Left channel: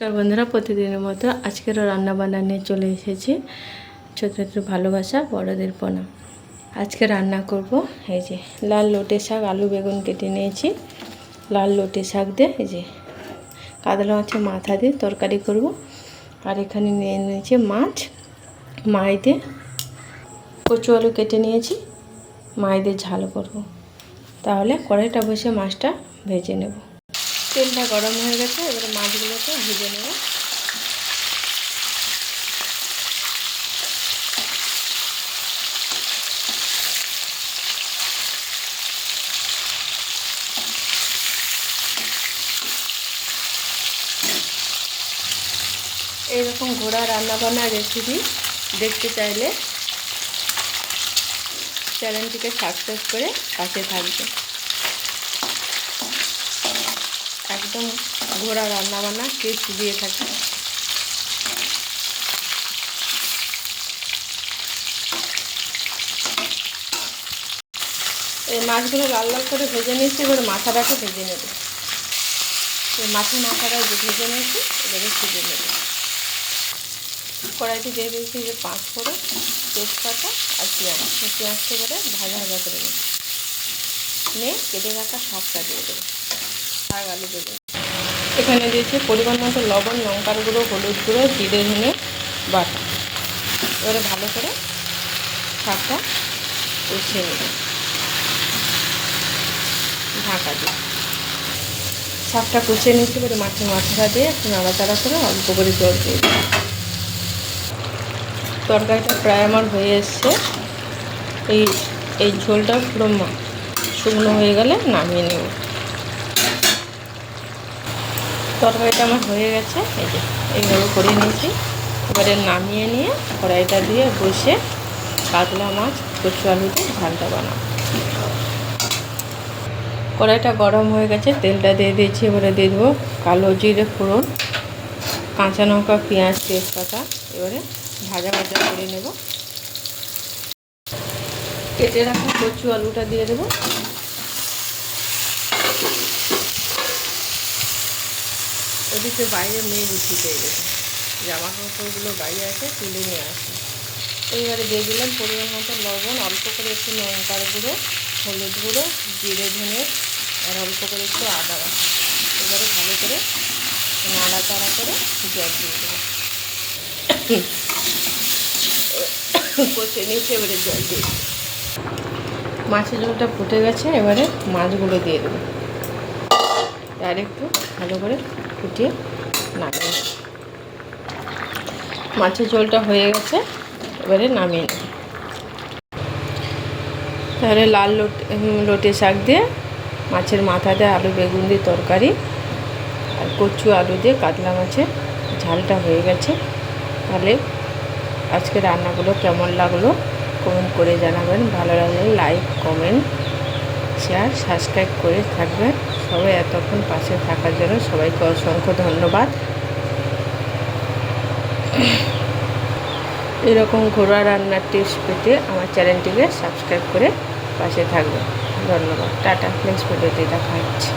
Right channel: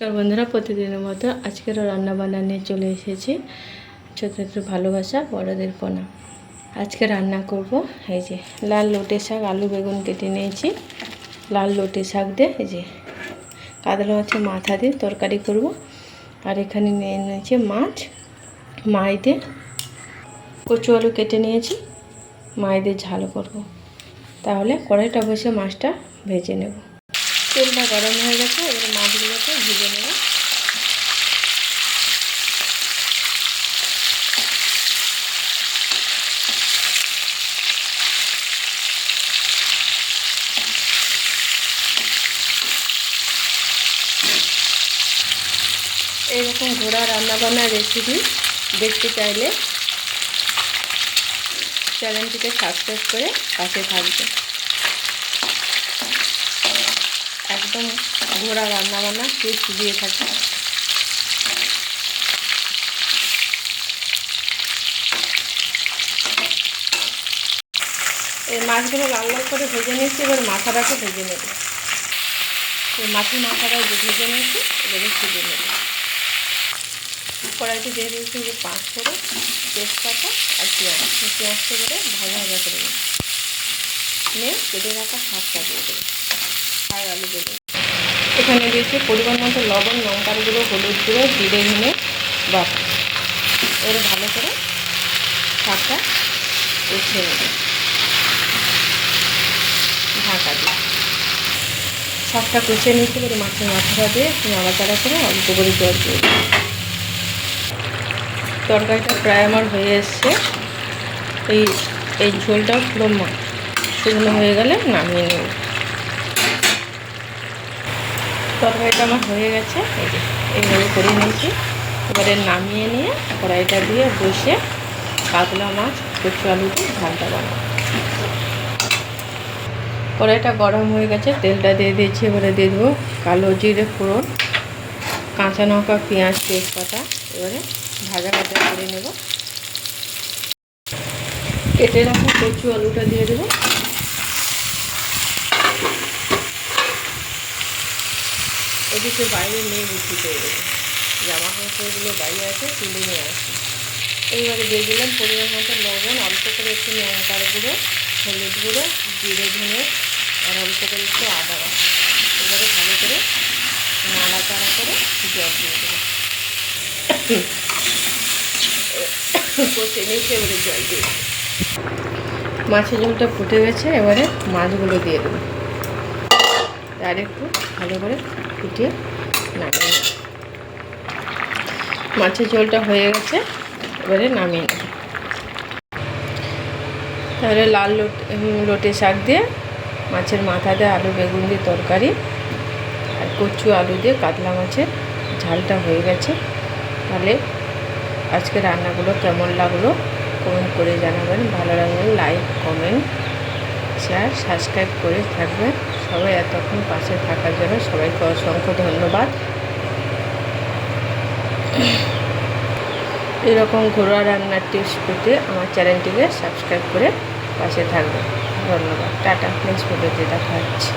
বন্ধুরা, প্রতিদিনের মতো আজকেরও রান্না বান্না নিয়ে চলে এসেছি। ছোটদের ভালোবাসা, বড়দের প্রণাম। আজকে রান্না করব এই যে লাল লটে শাক, আলু বেগুন কেটে নিয়েছি। লাল লটে শাক দিয়ে এই যে কাতলা মাছের মাথা দিয়ে তরকারি করব। আর এখানে নিয়ে নিয়েছি মাছ, মাছ দিয়ে কচু আলু কেটে নিয়েছি, মাছ দিয়ে ঝাল করব। তাহলে কড়াইটা বসে মাছটা ভেজে নেব। তেলটা গরম হয়ে গেছে, এবারে মাছগুলোকে ভেজে নেব। এইরকম ঘোড়া রান্নাবান্নার রেসিপি দেখতে চাইলে চ্যানেলটিকে সাবস্ক্রাইব করে পাশে থাকবে। একদম ঘোড়া রান্নাবান্না টেস্ট দিয়ে থাকে। এই মাছগুলো লাল লাল করে ভেজে নিয়েছি, এবার মাথাটাকে ভেজে নেব। মাছের মাথাটা ভেজে নিয়েছি, এবারে ভেজে নেব। কড়াইতে দিয়ে দিয়েছি যে 5 ফোড়ন, তেজপাতা আর পেঁয়াজটা করে ভাজা ভাজা করে নেব। নিয়ে কেটে রাখা শাকটা দিয়ে দেবো, শাক আলু দেবো। এখানে দিয়েছি পরিমাণ মতো লবণ, লঙ্কার গুঁড়ো, হলুদ গুঁড়ো, জিরে ধনে বাটা। এবারে ভালো করে শাকটা কষিয়ে নেব ঢাকা দিয়ে। শাকটা কষিয়ে নিয়েছি, এবারে মাছের মাথাটা দিয়ে একটু নাড়াচাড়া করে অল্প করে জল দিয়ে দেবো। তরকারিটা প্রায় আমার হয়ে এসছে। এই ঝোলটা পুরো শুকনো হয়ে গেলে নামিয়ে নেব। তরকারিটা আমার হয়ে গেছে, এই যে এইভাবে করে নিয়েছি। এবারে নামিয়ে নিয়ে কড়াইটা দিয়ে বসে কাতলা মাছ কচু আলু দিয়ে ঝালটা বানাবো। কড়াইটা গরম হয়ে গেছে, তেলটা দিয়ে দিয়েছি। এবারে দিয়ে দেবো কালো জিরে ফোড়ন, কাঁচা লঙ্কা, পেঁয়াজ, তেজপাতা। এবারে ভাজা ভাজা করে নেব। কেটে রাখা কচু আলুটা দিয়ে দেবো। এদিকে বাইরে মেঘ উঠিতে দেবো, জামা কাপড়গুলো বাইরে আছে, তুলে নিয়ে আসি। এইবারে দিয়ে দিলাম পরিমাণ মতো লবণ, অল্প করে একটু লঙ্কার গুঁড়ো, হলুদ গুঁড়ো, জিরে ধনে আর অল্প করে একটু আদা বাটা। এবারে ভালো করে নাড়াচাড়া করে জল দিয়ে দেবো। কষে নিয়েছি, এবারে জল দিয়ে দেবো। মাছের ঝোলটা ফুটে গেছে, এবারে মাছগুলো দিয়ে দেবো। আর একটু ভালো করে ফুটিয়ে নামিয়ে নেব। মাছের ঝোলটা হয়ে গেছে, এবারে নামিয়ে নেব। তাহলে লাল লটে শাক দিয়ে মাছের মাথা দিয়ে আলু বেগুন দিয়ে তরকারি আর কচু আলু দিয়ে কাতলা মাছের ঝালটা হয়ে গেছে। তাহলে আজকে রান্নাগুলো কেমন লাগলো কমেন্ট করে জানাবেন। ভালো লাগলে লাইক, কমেন্ট, শেয়ার, সাবস্ক্রাইব করে থাকবেন। সবাই এতক্ষণ পাশে থাকার জন্য সবাইকে অসংখ্য ধন্যবাদ। এরকম ঘরোয়া রান্নার টিপস পেতে আমার চ্যানেলটিকে সাবস্ক্রাইব করে পাশে থাকবেন। ধন্যবাদ। টাটা। নেক্সট ভিডিওতে দেখা হচ্ছে।